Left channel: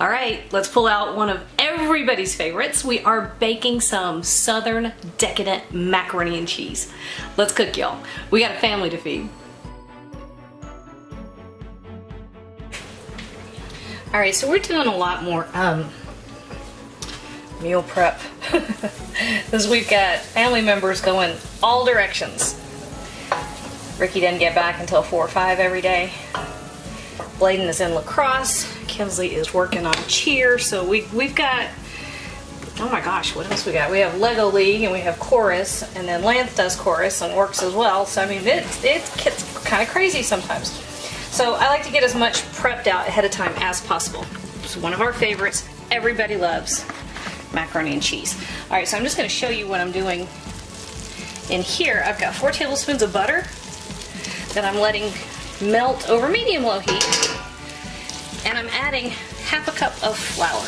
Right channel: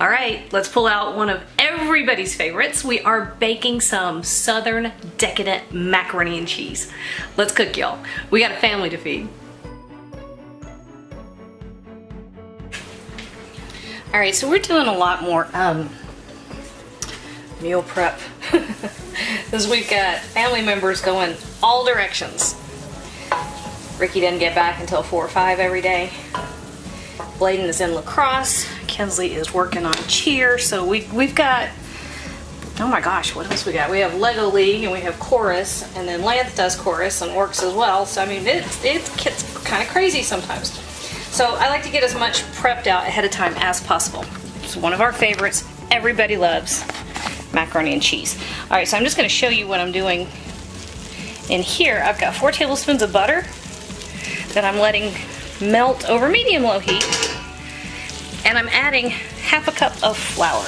All right, let's pull out one of everybody's favorites. We are baking some Southern decadent macaroni and cheese. Let's cook, y'all. We got a family to feed. All right, so we're doing a lot more meal prep because we've got family members going all directions. Ricky doesn't get back until 4 or 5 every day. Bladen is in lacrosse. Kinsley is working on cheer. So we've got, oh my gosh, what else we got? We have Lego League and we have chorus, and then Lance does chorus and works as well. So I mean, it gets kind of crazy sometimes. So I like to get as much prepped out ahead of time as possible. It's one of our favorites. Everybody loves macaroni and cheese. All right, so I'm just going to show you what I'm doing in here. I've got 4 tablespoons of butter that I'm letting melt over medium-low heat. And I'm adding half a cup of flour.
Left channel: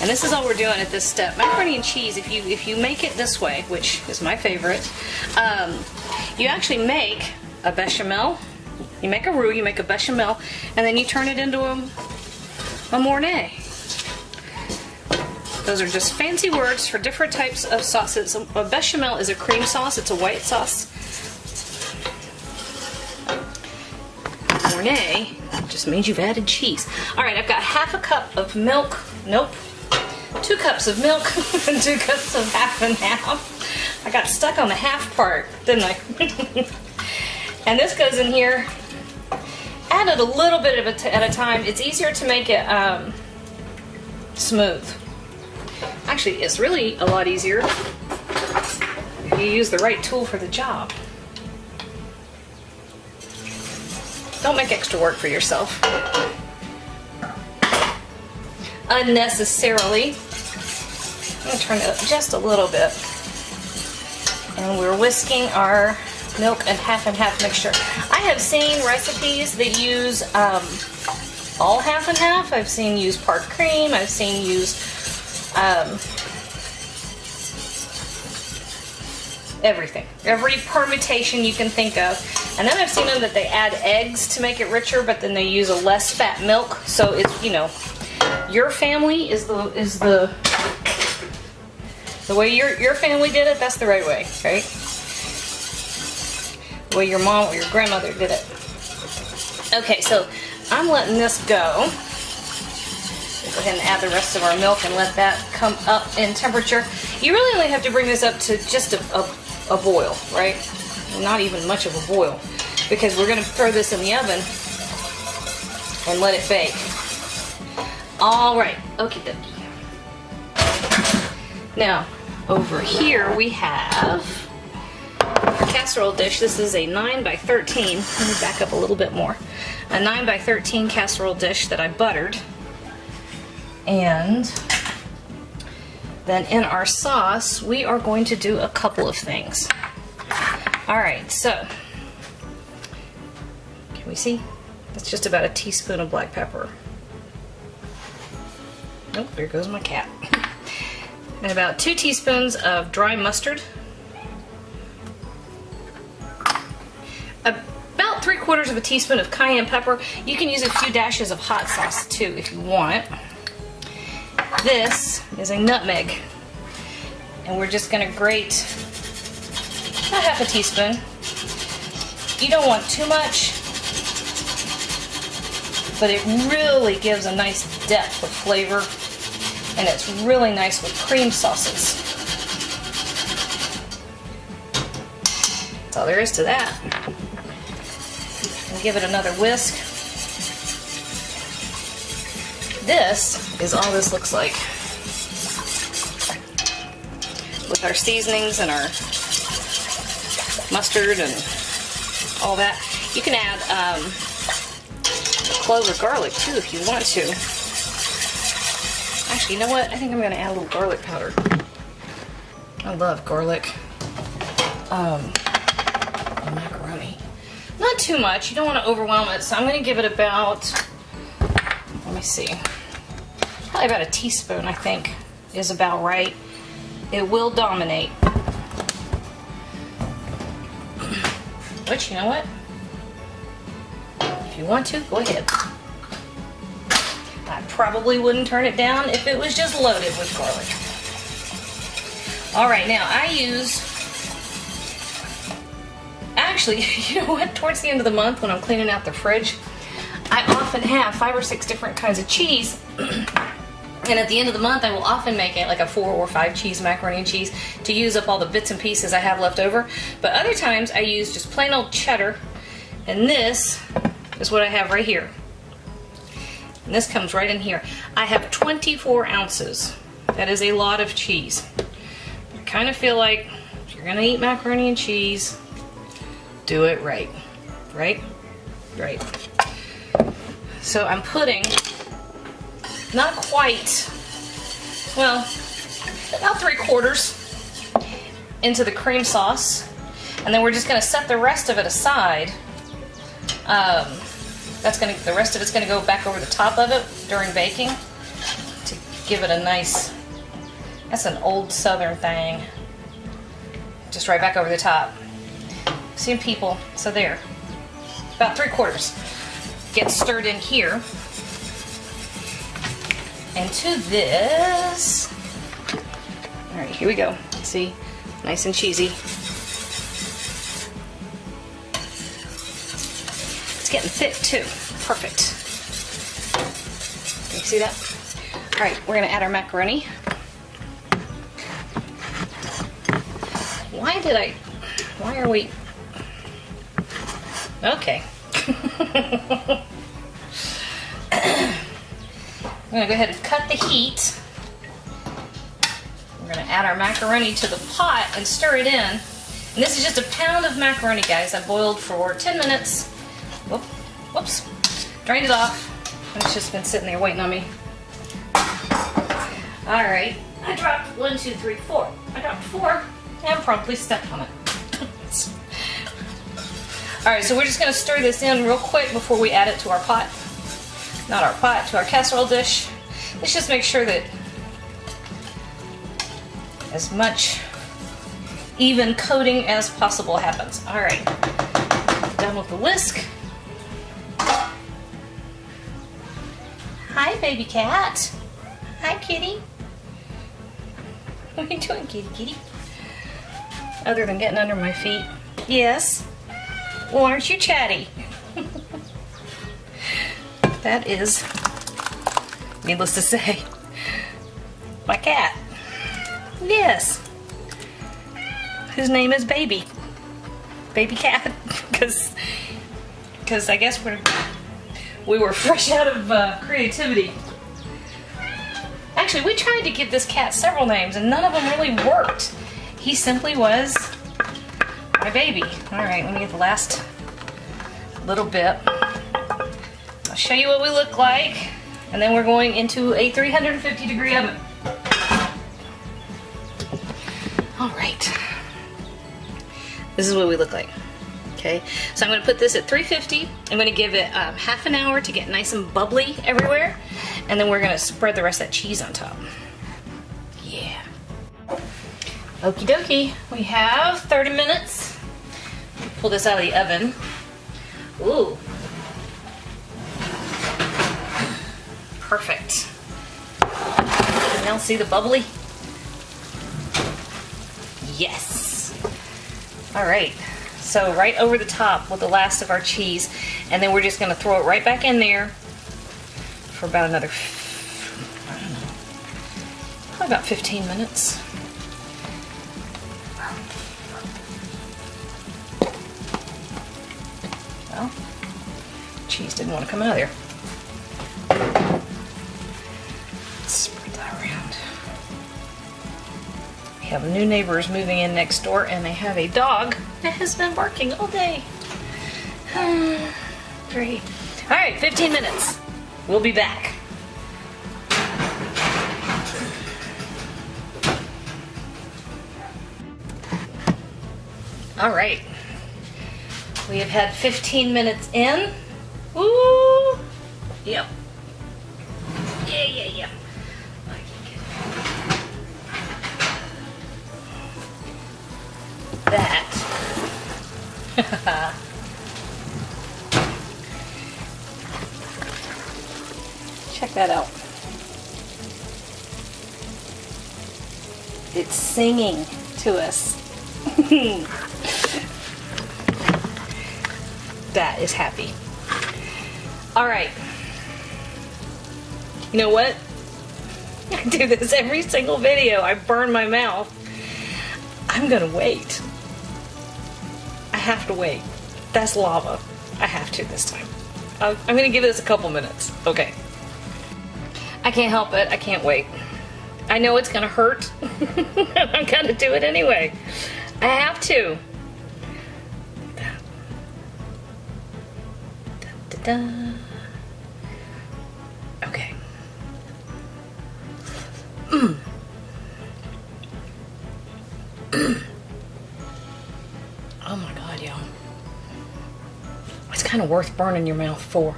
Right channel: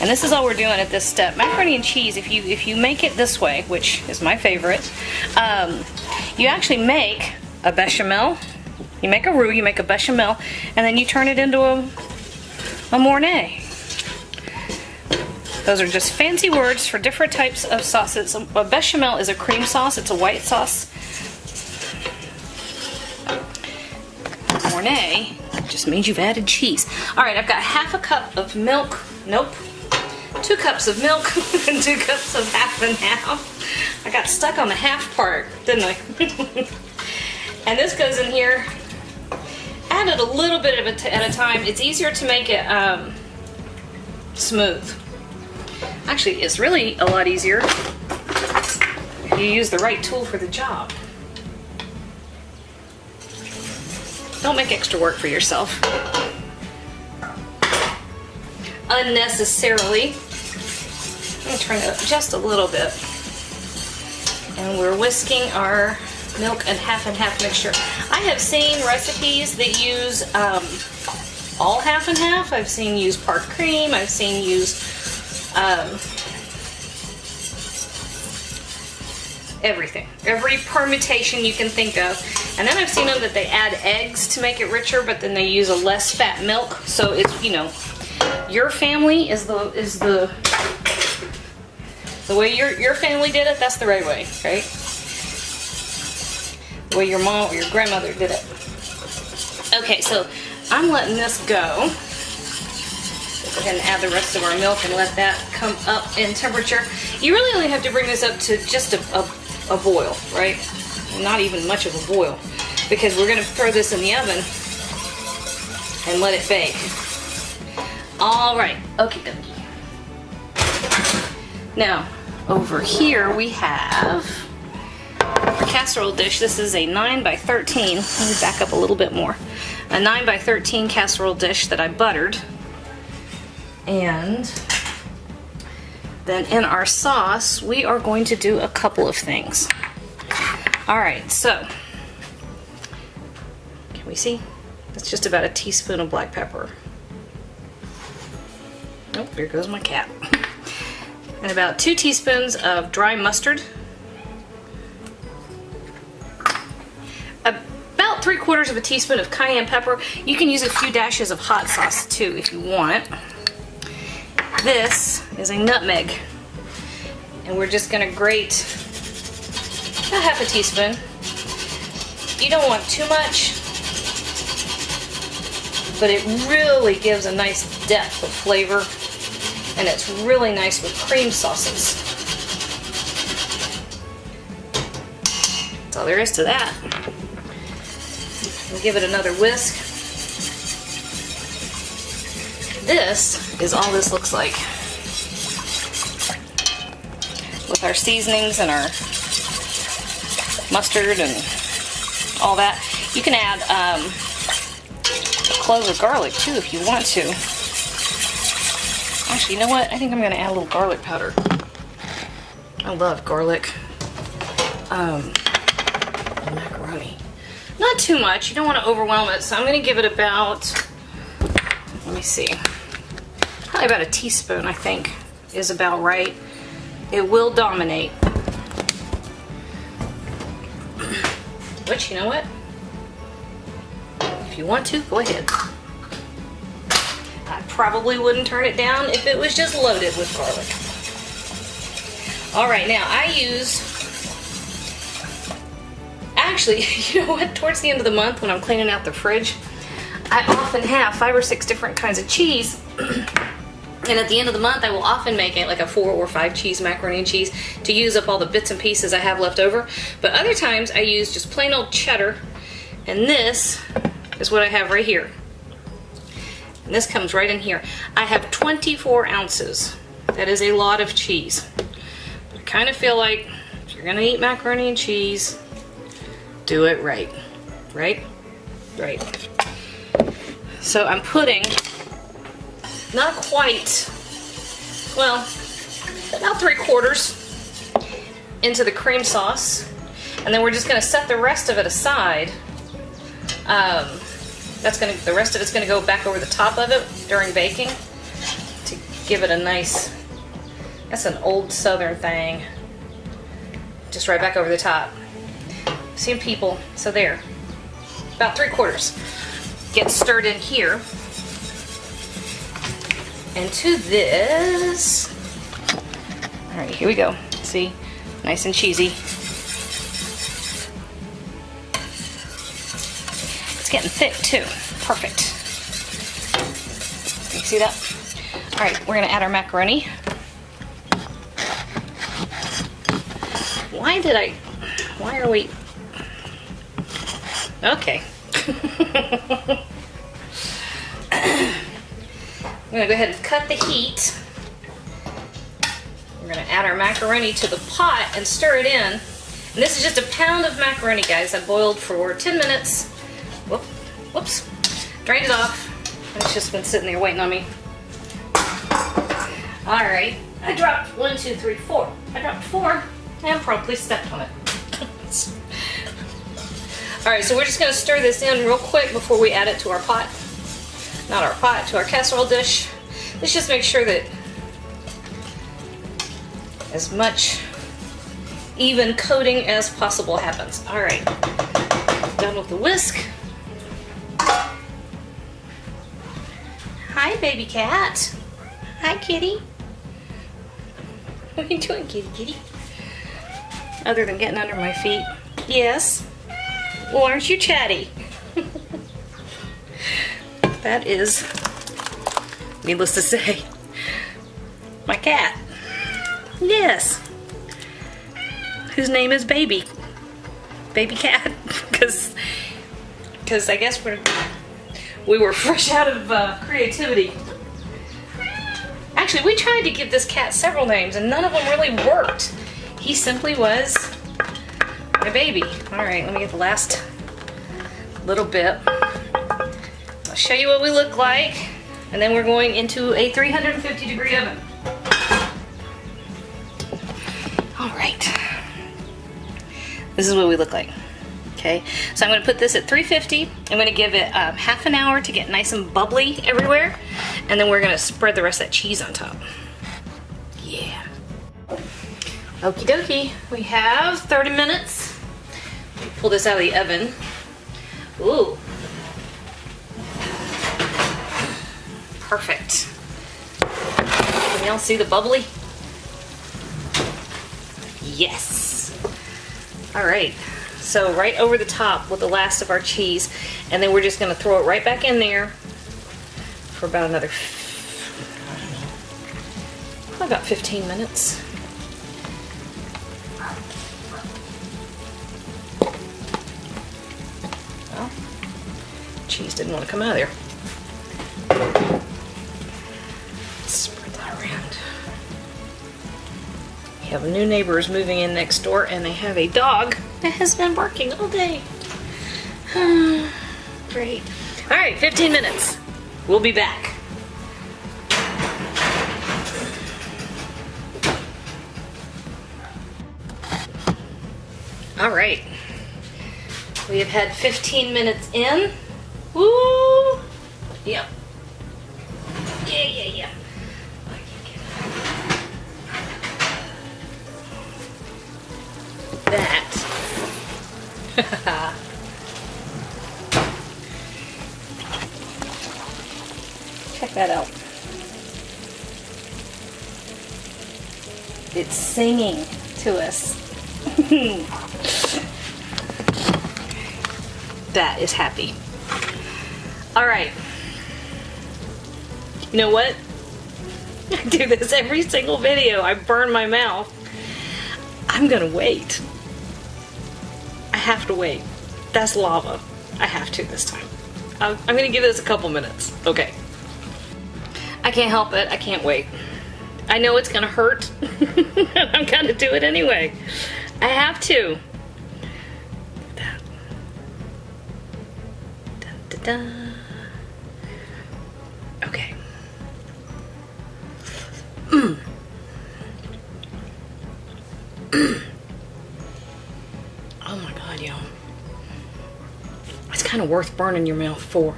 And this is all we're doing at this step. Macaroni and cheese, if you make it this way, which is my favorite, you actually make a bechamel. You make a roux, you make a bechamel, and then you turn it into a mornay. Those are just fancy words for different types of sauces. A bechamel is a cream sauce. It's a white sauce. Mornay just means you've added cheese. All right, I've got half a cup of milk. Nope. 2 cups of milk and 2 cups of half and half. I got stuck on the half part, didn't I? And this goes in here. Add it a little bit at a time. It's easier to make it smooth. Actually, it's really a lot easier if you use the right tool for the job. Don't make extra work for yourself unnecessarily. I'm going to turn it up just a little bit. And we're whisking our milk and half mixture. I have seen recipes that use all half and half. I've seen use part cream. I've seen use everything. Every permutation you can think of. And then I've seen them that they add eggs to make it richer, but then they use a less fat milk. So it's, you know, your family is the way your family did it. That's the right way, right? The way your mom or your grandmother did it. Okay, so I'm letting this go. Go ahead and add the rest of our milk and let that come up in temperature. You really only have to bring this up to just a boil, right? Not even much of a boil, because we're going to throw this in the oven and let it bake. All right, okay, dokie. Now, over here we have our casserole dish. This is a 9 by 13. Let me back up a little bit more. A 9 by 13 casserole dish that I buttered. And then in our sauce, we are going to do a couple of things. All right, so can we see? That's just about a teaspoon of black pepper. Oh, there goes my cat. And about 2 teaspoons of dry mustard. About 3/4 of a teaspoon of cayenne pepper. You can use a few dashes of hot sauce too if you want. This is a nutmeg, and we're just going to grate about half a teaspoon. You don't want too much, but it really gives a nice depth of flavor, and it's really nice with cream sauces. That's all there is to that. And give it another whisk. This is all this looks like. With our seasonings and our mustard and all that. You can add cloves of garlic too if you want to. Actually, you know what? I think I'm going to add a little garlic powder. I love garlic. Macaroni. Not too much. You don't want to overwhelm it, so I'm going to give it about, let me see, probably about a teaspoon, I think, is about right. It will dominate. But you know what? If you want to, go ahead. I probably wouldn't turn it down if it was just loaded with garlic. All right, now I use, actually, you know what, towards the end of the month when I'm cleaning out the fridge, I often have 5 or 6 different kinds of cheese. And at the end of the month, I will often make it like a 4 or 5 cheese macaroni and cheese to use up all the bits and pieces I have left over. But other times I use just plain old cheddar, and this is what I have right here. And this comes right in here. I have 24 ounces. That is a lot of cheese. I kind of feel like if you're gonna eat macaroni and cheese, do it right. Right? Right. So I'm putting, not quite, well, about 3/4 into the cream sauce, and then we're just going to set the rest of it aside. The rest of it's going to go back over the top of it during baking to give it a nice. That's an old Southern thing. Just right back over the top. Seeing people, so there, about 3/4 get stirred in here. And to this, all right, here we go. See, nice and cheesy. It's getting thick too. Perfect. You see that? All right, we're gonna add our macaroni. Why are we? Okay. I'm going to go ahead and cut the heat. We're going to add our macaroni to the pot and stir it in. And this is just a pound of macaroni, guys. I boiled for 10 minutes. Whoops. Drained it off. And it's just been sitting there waiting on me. Alright. I dropped 1, 2, 3, 4. I dropped 4 and promptly stepped on it. Alright, so we're just going to stir this in real quick before we add it to our pot. Not our pot, to our casserole dish. Let's just make sure that as much even coating as possible happens. All right, done with the whisk. Hi, baby cat. Hi, kitty. What are you doing, kitty, kitty? Other than getting under my feet. Yes. Well, aren't you chatty? That is, needless to say, my cat. Yes. His name is Baby. Baby Cat. Because I guess we were fresh out of creativity. Actually, we tried to give this cat several names and none of them really worked. He simply was my baby. All right, let me get the last little bit. I'll show you what we look like, and then we're going into a 350-degree oven. All right. This is what we look like. Okay, so I'm going to put this at 350. I'm going to give it half an hour to get nice and bubbly everywhere, and then we're going to spread the rest of that cheese on top. Yeah. Okie dokie. We have 30 minutes. Pull this out of the oven. Ooh. Perfect. Can y'all see the bubbly? Yes. All right. So right over the top with the last of our cheese, and then we're just going to throw it right back in there for about another, I don't know, probably about 15 minutes. Well, cheese didn't want to come out of there. Spread that around. We have new neighbors moving in next door, and they have a dog that has been barking all day. Great. All right, 15 minutes. We'll be back. All right. We have had 15 minutes in. Woo! Yep. Yeah. That. Check that out. It's singing to us. That is happy. All right. You know what? I do this every single video. I burn my mouth. I'm gonna wait. I have to wait. That's lava. I have to this time. I'm gonna give this a couple minutes. Okay. I can't help it. I can't wait. I know it's gonna hurt. I'm gonna do it anyway. I have to. Da, da, da. Okay. Oh my god, y'all. It's kind of worth burning your mouth for.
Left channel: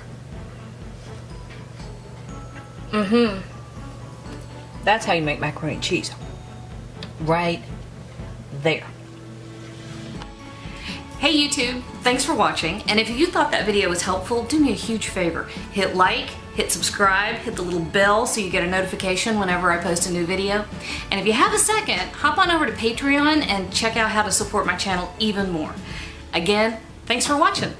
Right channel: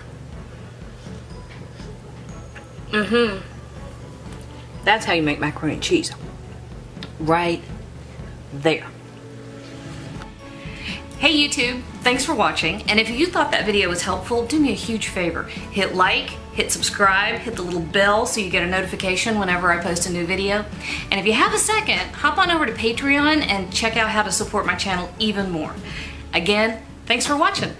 That's how you make macaroni and cheese. Right there. Hey YouTube, thanks for watching, and if you thought that video was helpful, do me a huge favor. Hit like, hit subscribe, hit the little bell so you get a notification whenever I post a new video. And if you have a second, hop on over to Patreon and check out how to support my channel even more. Again, thanks for watching.